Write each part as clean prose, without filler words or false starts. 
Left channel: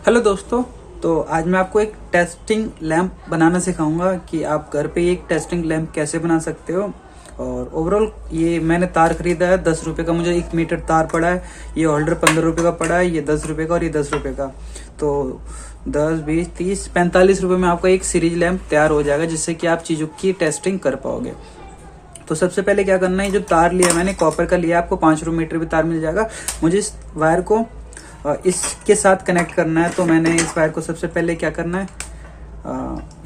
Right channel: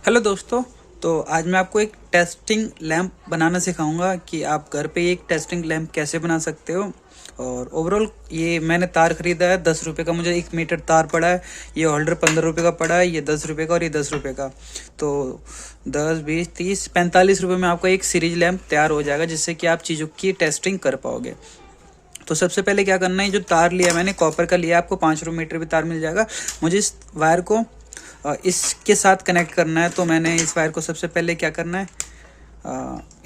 Hello दोस्तों। तो आज मैं आपको एक टेस्टिंग लैंप बनाना सिखाऊंगा कि आप घर पे एक टेस्टिंग लैंप कैसे बना सकते हो। और ओवरऑल ये मैंने तार खरीदा है 10 रुपये का, मुझे 1 मीटर तार पड़ा है। ये होल्डर 15 रुपये का पड़ा है, ये 10 रुपये का और ये 10 रुपये का। तो 10, 20, 30, 45 रुपये में आपका एक सीरीज लैंप तैयार हो जाएगा, जिससे कि आप चीज़ों की टेस्टिंग कर पाओगे। तो सबसे पहले क्या करना है, जो तार लिया मैंने कॉपर का लिया, आपको 5 मीटर भी तार मिल जाएगा। मुझे इस वायर को इसके साथ कनेक्ट करना है। तो मैंने इस वायर को सबसे पहले क्या करना है,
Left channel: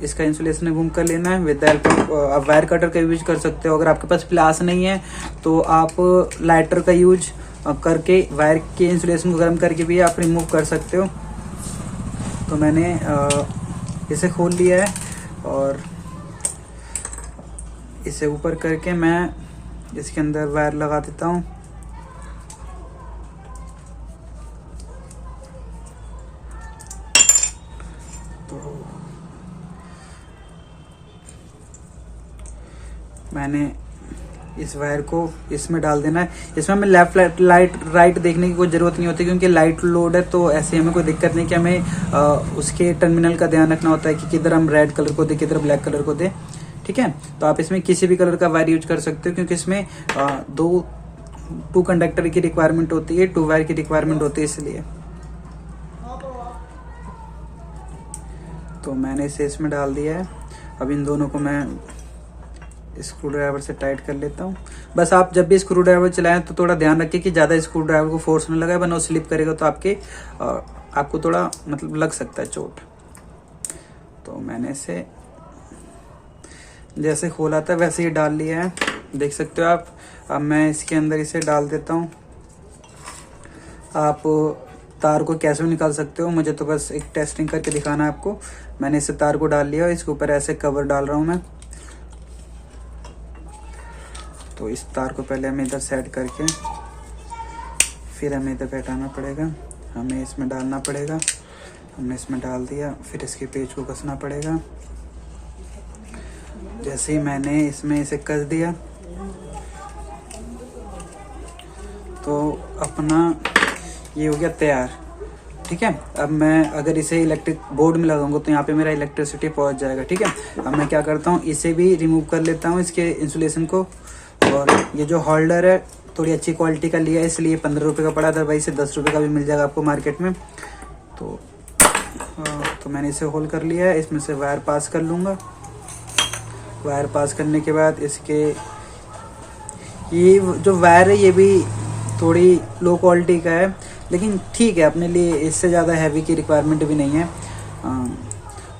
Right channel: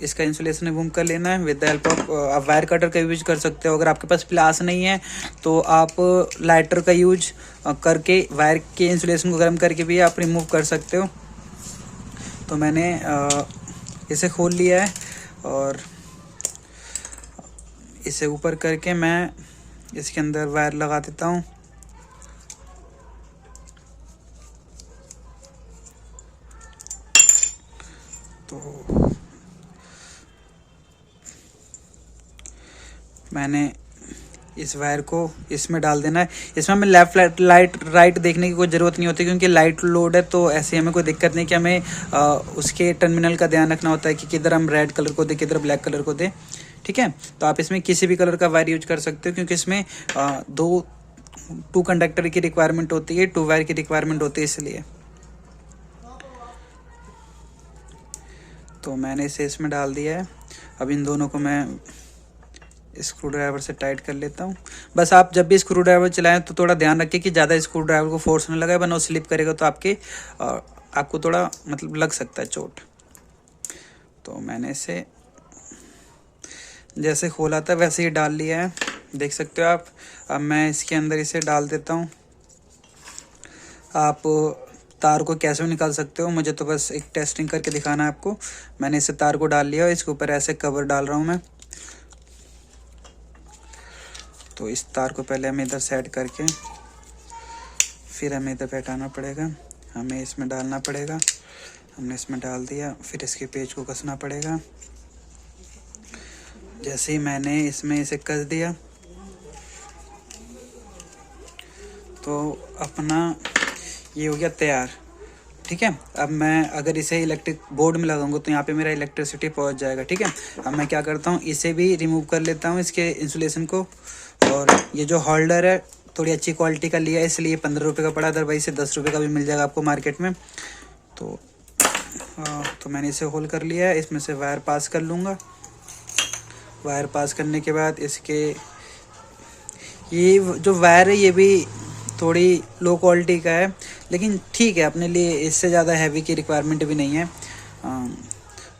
इसका इंसुलेशन रिमूव कर लेना है विद द हेल्प ऑफ। आप वायर कटर का यूज कर सकते हो। अगर आपके पास प्लास नहीं है तो आप लाइटर का यूज करके वायर के इंसुलेशन को गर्म करके भी आप रिमूव कर सकते हो। तो मैंने इसे खोल लिया है और इसे ऊपर करके मैं इसके अंदर वायर लगा देता हूँ। तो मैंने इस वायर को इसमें डाल देना है। इसमें हमें लेफ्ट लाइट राइट देखने की कोई ज़रूरत नहीं होती, क्योंकि लाइट लोड है। तो ऐसे हमें कोई दिक्कत नहीं कि हमें उसके टर्मिनल का ध्यान रखना होता है कि किधर हम रेड कलर को दें, किधर ब्लैक कलर को दें। ठीक है। तो आप इसमें किसी भी कलर का वायर यूज कर सकते हो, क्योंकि इसमें टू कंडक्टर की रिक्वायरमेंट होती है, 2 वायर की रिक्वायरमेंट होती है, इसलिए। तो मैंने इसे इसमें डाल दिया है। अब इन दोनों को मैं स्क्रू ड्राइवर से टाइट कर लेता हूँ। बस आप जब भी स्क्रू ड्राइवर चलाएं तो थोड़ा ध्यान रखें कि ज़्यादा स्क्रू ड्राइवर को फोर्स न लगाए, वरना स्लिप करेगा तो आपको थोड़ा मतलब लग सकता है चोट। तो मैंने इसे जैसे खोला था वैसे ही डाल लिया है, देख सकते हो आप। अब मैं इसके अंदर इसे डाल देता हूँ। आप तार को कैसे भी निकाल सकते हो, मुझे तो बस एक टेस्टिंग करके दिखाना है आपको। मैंने इसे तार को डाल लिया और इसके ऊपर ऐसे कवर डाल रहा हूँ मैं। तो इस तार को पहले हमें इधर सेट करके फिर हमें इधर बैठाना पड़ेगा, हमें इसमें डालना पड़ेगा। हमने इसमें डाल दिया, फिर इसके पेज को कसना पड़ेगा। जैसे ही मैंने इसमें इसे कस दिया तो अपना ये हो गया तैयार। ठीक है। अब मैं अगर इसे इलेक्ट्रिक बोर्ड में लगाऊंगा तो यहाँ पे मेरा इलेक्ट्रिसिटी पहुँच जाएगा। ठीक है। अब मैं क्या करता हूँ, इसे भी रिमूव कर लेता हूँ, इसके इंसुलेशन को। और ये जो होल्डर है थोड़ी अच्छी क्वालिटी का लिया है, इसलिए 15 रुपये का पड़ा, अदरवाइज इसे 10 रुपये का भी मिल जाएगा आपको मार्केट में। तो मैंने इसे होल्ड कर लिया है। इसमें से वायर पास कर लूँगा। वायर पास करने के बाद इसके ये जो वायर है ये भी थोड़ी लो क्वालिटी का है, लेकिन ठीक है अपने लिए, इससे ज़्यादा हैवी की रिक्वायरमेंट भी नहीं है।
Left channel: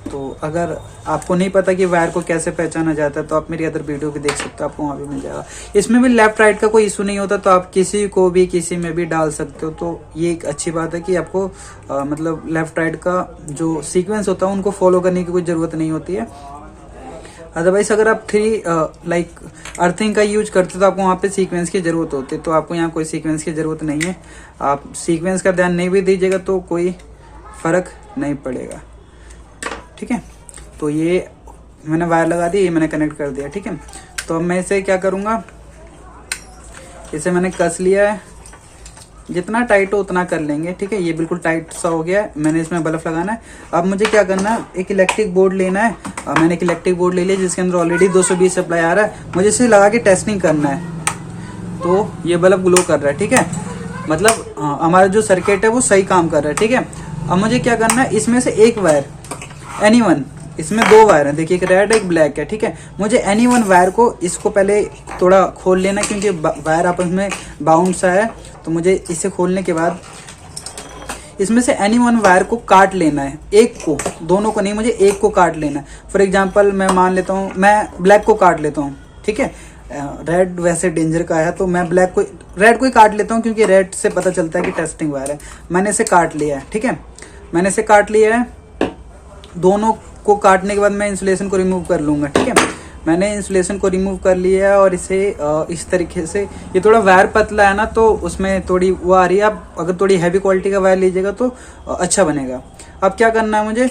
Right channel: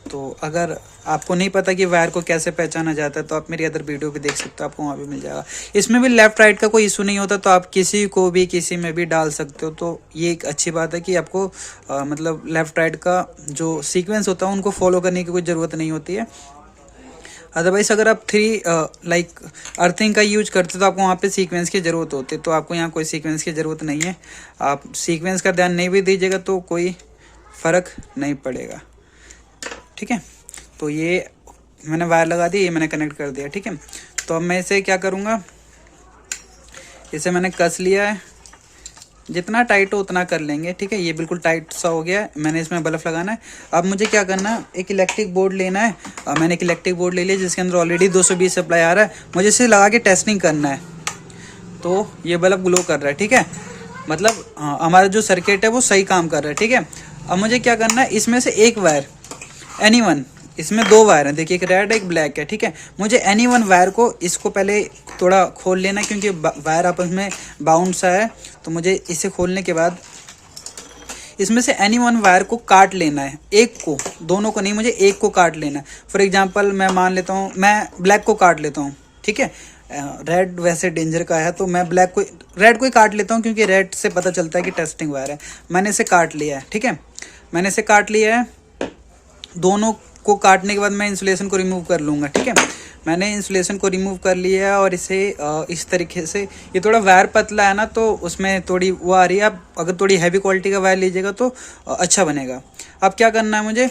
तो अगर आपको नहीं पता कि वायर को कैसे पहचाना जाता है तो आप मेरी अदर वीडियो भी देख सकते हो, आपको वहाँ भी मिल जाएगा। इसमें भी लेफ्ट राइट का कोई इशू नहीं होता, तो आप किसी को भी किसी में भी डाल सकते हो। तो ये एक अच्छी बात है कि आपको मतलब लेफ्ट राइट का जो सीक्वेंस होता है उनको फॉलो करने की कोई ज़रूरत नहीं होती है। अदरवाइज अगर आप लाइक अर्थिंग का यूज करते तो आपको वहाँ पे सीक्वेंस की ज़रूरत होती है, तो आपको यहाँ कोई सीक्वेंस की ज़रूरत नहीं है। आप सीक्वेंस का ध्यान नहीं भी दीजिएगा तो कोई फ़र्क नहीं पड़ेगा। ठीक है। तो ये मैंने वायर लगा दी, ये मैंने कनेक्ट कर दिया। ठीक है। तो अब मैं इसे क्या करूँगा, इसे मैंने कस लिया है, जितना टाइट हो उतना कर लेंगे। ठीक है। ये बिल्कुल टाइट सा हो गया है। मैंने इसमें बल्ब लगाना है। अब मुझे क्या करना है, एक इलेक्ट्रिक बोर्ड लेना है। मैंने एक इलेक्ट्रिक बोर्ड ले लिया जिसके अंदर ऑलरेडी 220 सप्लाई आ रहा है। मुझे इसे लगा के टेस्टिंग करना है। तो ये बल्ब ग्लो कर रहा है। ठीक है। मतलब हमारा जो सर्किट है वो सही काम कर रहा है। ठीक है। अब मुझे क्या करना है, इसमें से एक वायर एनीवन, इसमें 2 वायर हैं, देखिए एक रेड एक ब्लैक है। ठीक है। मुझे एनीवन वायर को इसको पहले थोड़ा खोल लेना है, क्योंकि वायर आपस में बाउंड सा है। तो मुझे इसे खोलने के बाद इसमें से एनीवन वायर को काट लेना है, एक को, दोनों को नहीं, मुझे एक को काट लेना है। फॉर एग्जांपल मैं मान लेता हूँ, मैं ब्लैक को काट लेता हूँ। ठीक है। रेड वैसे डेंजर का है तो मैं रेड को ही काट लेता हूँ, क्योंकि रेड से पता चलता है कि टेस्टिंग वायर है। मैंने इसे काट लिया है। ठीक है। मैंने इसे काट लिया है। दोनों को काटने के बाद मैं इंसुलेशन को रिमूव कर लूँगा। ठीक है। मैंने इंसुलेशन को रिमूव कर लिया है और इसे इस तरीके से, ये थोड़ा वायर पतला है ना तो उसमें थोड़ी वो आ रही है। आप अगर थोड़ी हैवी क्वालिटी का वायर लीजिएगा तो अच्छा बनेगा। अब क्या करना है मुझे,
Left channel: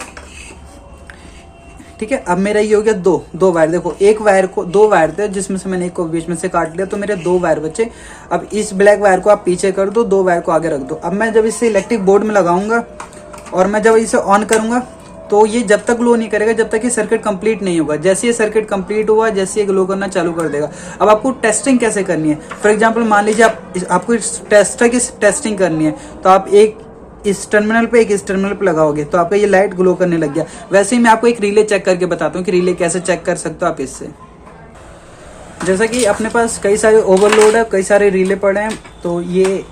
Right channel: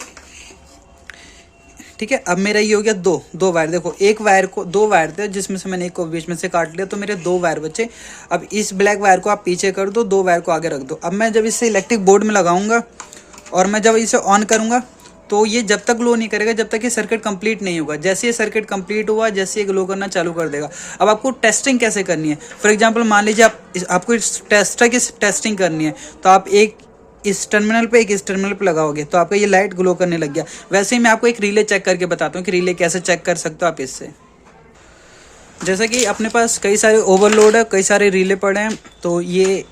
ठीक है। अब मेरा ये हो गया दो वायर। देखो एक वायर को, 2 वायर थे जिसमें से मैंने एक को बीच में से काट लिया, तो मेरे 2 वायर बचे। अब इस ब्लैक वायर को आप पीछे कर दो, 2 वायर को आगे रख दो। अब मैं जब इसे इलेक्ट्रिक बोर्ड में लगाऊंगा और मैं जब इसे ऑन करूँगा तो ये जब तक ग्लो नहीं करेगा जब तक ये सर्किट कंप्लीट नहीं होगा। जैसे ये सर्किट कंप्लीट हुआ, जैसे ये ग्लो करना चालू कर देगा। अब आपको टेस्टिंग कैसे करनी है, फॉर एग्जांपल मान लीजिए आपको टेस्टर की टेस्टिंग करनी है, तो आप एक इस टर्मिनल पे एक इस टर्मिनल पे लगाओगे तो आपका ये लाइट ग्लो करने लग गया। वैसे ही मैं आपको एक रिले चेक करके बताता हूँ कि रिले कैसे चेक कर सकते हो आप इससे। जैसा कि अपने पास कई सारे ओवरलोड है, कई सारे रिले पड़े हैं, तो ये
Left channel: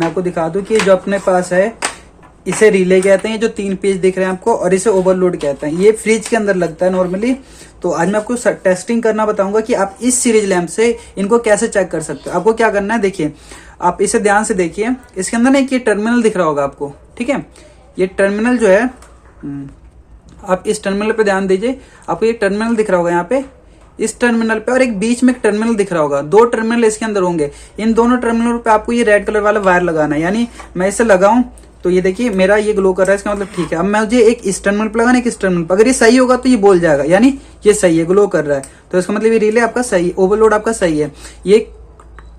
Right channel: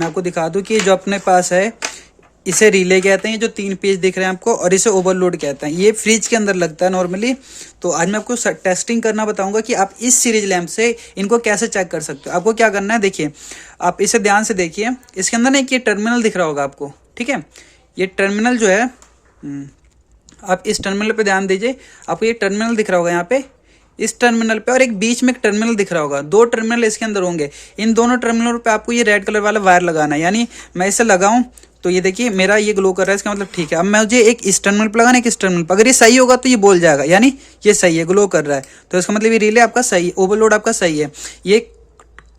मैं आपको दिखा दूँ कि जो अपने पास है इसे रिले कहते हैं, जो 3 पेज दिख रहे हैं आपको, और इसे ओवरलोड कहते हैं। ये फ्रिज के अंदर लगता है नॉर्मली। तो आज मैं आपको टेस्टिंग करना बताऊंगा कि आप इस सीरीज लैंप से इनको कैसे चेक कर सकते हो। आपको क्या करना है, देखिए आप इसे ध्यान से देखिए, इसके अंदर ना एक ये टर्मिनल दिख रहा होगा आपको, ठीक है। ये टर्मिनल जो है, आप इस टर्मिनल पे ध्यान दीजिए, आपको ये टर्मिनल दिख रहा होगा यहाँ पे, इस टर्मिनल पे, और एक बीच में एक टर्मिनल दिख रहा होगा। 2 टर्मिनल इसके अंदर होंगे। इन दोनों टर्मिनलों पे आपको ये रेड कलर वाला वायर लगाना है। यानी मैं इसे लगाऊं तो ये देखिए मेरा ये ग्लो कर रहा है, इसका मतलब ठीक है। अब मैं मुझे एक इस टर्मिनल पे लगाना है, एक इस टर्मिनल पे, अगर ये सही होगा तो ये बोल जाएगा, यानी ये सही है, ग्लो कर रहा है, तो इसका मतलब ये रिले आपका सही, ओवरलोड आपका सही है। ये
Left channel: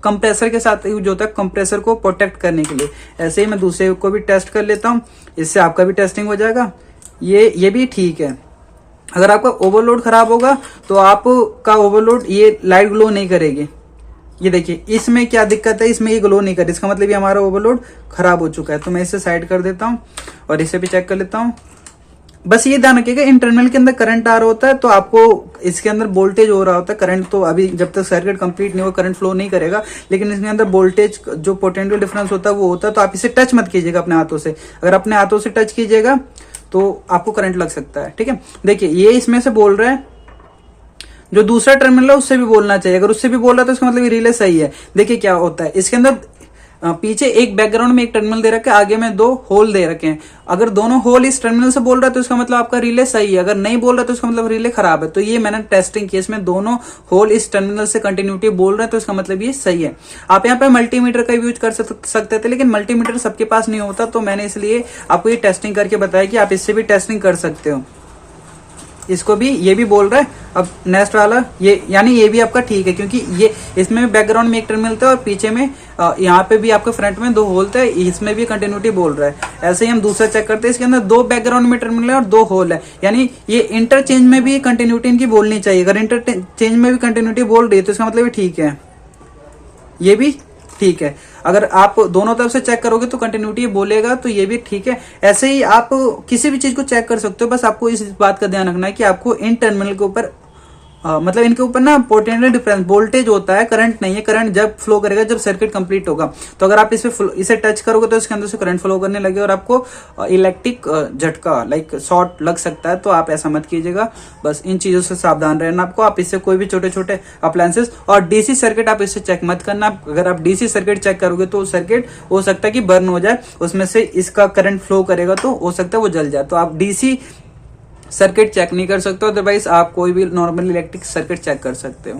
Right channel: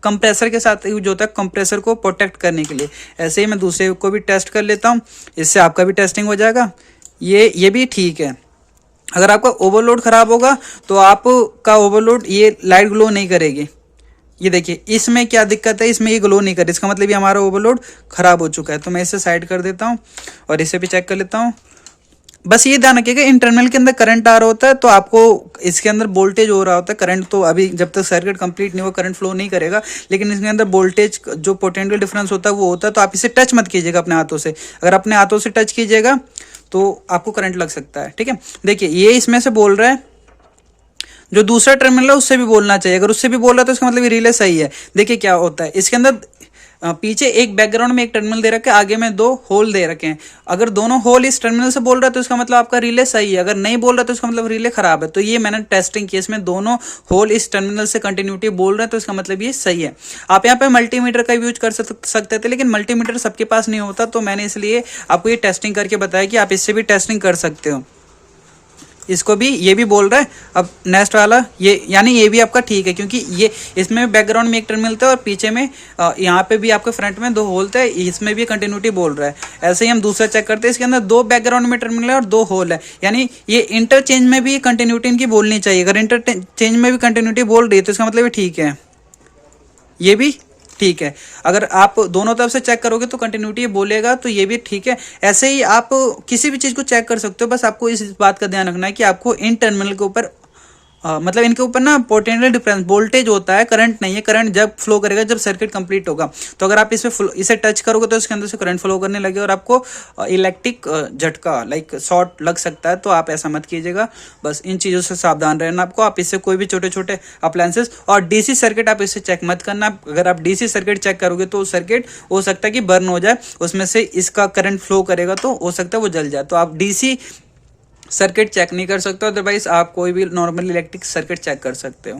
कंप्रेसर के साथ यूज होता है, कंप्रेसर को प्रोटेक्ट करने के लिए। ऐसे ही मैं दूसरे को भी टेस्ट कर लेता हूँ, इससे आपका भी टेस्टिंग हो जाएगा। ये भी ठीक है। अगर आपका ओवरलोड खराब होगा तो आपका ओवरलोड ये लाइट ग्लो नहीं करेगी। ये देखिए इसमें क्या दिक्कत है, इसमें ये ग्लो नहीं कर रही, इसका मतलब ये हमारा ओवरलोड खराब हो चुका है। तो मैं इसे साइड कर देता हूँ और इसे भी चेक कर लेता हूँ। बस ये ध्यान रखिएगा, इन टर्मिनल के अंदर करंट आ रहा होता है तो आपको इसके अंदर वोल्टेज हो रहा होता है। करंट तो अभी जब तक सर्किट कंप्लीट नहीं हो करंट फ्लो नहीं करेगा, लेकिन इसके अंदर वोल्टेज जो पोटेंशियल डिफरेंस होता है वो होता है। तो आप इसे टच मत कीजिएगा अपने हाथों से, अगर अपने हाथों से टच कीजिएगा तो आपको करंट लग सकता है, ठीक है। देखिए ये इसमें से बोल रहा है, जो दूसरा टर्मिनल है उससे भी बोलना चाहिए। अगर उससे भी बोल रहा है तो इसका मतलब ये रिले सही है। देखिए क्या होता है, इसके अंदर पीछे एक बैकग्राउंड में एक टर्मिनल दे रखा है, आगे में 2 होल दे रखे हैं। अगर दोनों होल इस टर्मिनल से बोल रहा है तो इसका मतलब आपका रिले सही है, अगर नहीं बोल रहा तो इसका मतलब रिले खराब है। तो ये मैंने टेस्टिंग की, इसमें दोनों होल इस टर्मिनल से कंटिन्यूटी बोल रहे हैं तो इसका मतलब ये सही है। आप यहाँ पे मल्टीमीटर का यूज कर सकते थे, लेकिन मल्टीमीटर सबके पास नहीं होता, तो मैंने इसलिए आपको ये टेस्टिंग करके बताया कि आप इससे भी टेस्टिंग कर सकते हो। इसको भी ये भी बोल रहा है। अब नेक्स्ट वाला ये, यानी ये भी आपका ठीक है, क्योंकि ये इसमें बैकग्राउंड में एक टर्मिनल था और पीछे में यहाँ पे भी आपके फ्रंट में 2 होल थे, इसमें भी कंटिन्यूटी बोल रहा है। ऐसे ही हम दूसरा चेक करते हैं, इसके अंदर 2 बैकग्राउंड में टर्मिनल है और 2 होल है, यानी ये इंटरचेंज में भी कंटिन्यूटी इनकी बोलनी चाहिए। अगर इंटरचेंज में भी कंटिन्यूटी बोल रही है तो इसका मतलब ठीक है, ये भी ठीक है। अगर आप दोनों तरफ से चेक करोगे तो कंटिन्यूटी बोलेगा, तो ये भी ठीक है। ऐसे ही आप किसी भी चीज को चेक कर सकते हो, बस आपको इस बात का ध्यान रखना है कि आपको इन टर्मिनल के ऊपर मतलब इनके ऊपर ना पोटेंशियल डिफरेंस वोल्टेज होता है, करंट नहीं है। करंट जब फ्लो करेगा जब सर्किट कंप्लीट होगा। तो अगर आप इसे टच करोगे तो इसके अंदर से करंट फ्लो करने लगे और आपको इलेक्ट्रिक झटका लाइक शॉर्ट लग सकता है। तो आप ऐसा मत कीजिएगा, बस इन चीज़ों से सावधान रहना आपको। आप इससे कोई भी छोटे छोटे अप्लायंसेस और डीसी सर्किट आप इससे चेक मत करना। अगर आप डीसी सर्किट चेक करोगे तो सर्किट हो सकता है कि बर्न हो जाए, उसमें से इसका करंट फ्लो करेगा तो हो सकता है वो जल जाए। तो आप डीसी सर्किट चेक नहीं कर सकते हो, अदरवाइज आप कोई भी नॉर्मल इलेक्ट्रिक सर्किट चेक कर सकते हो।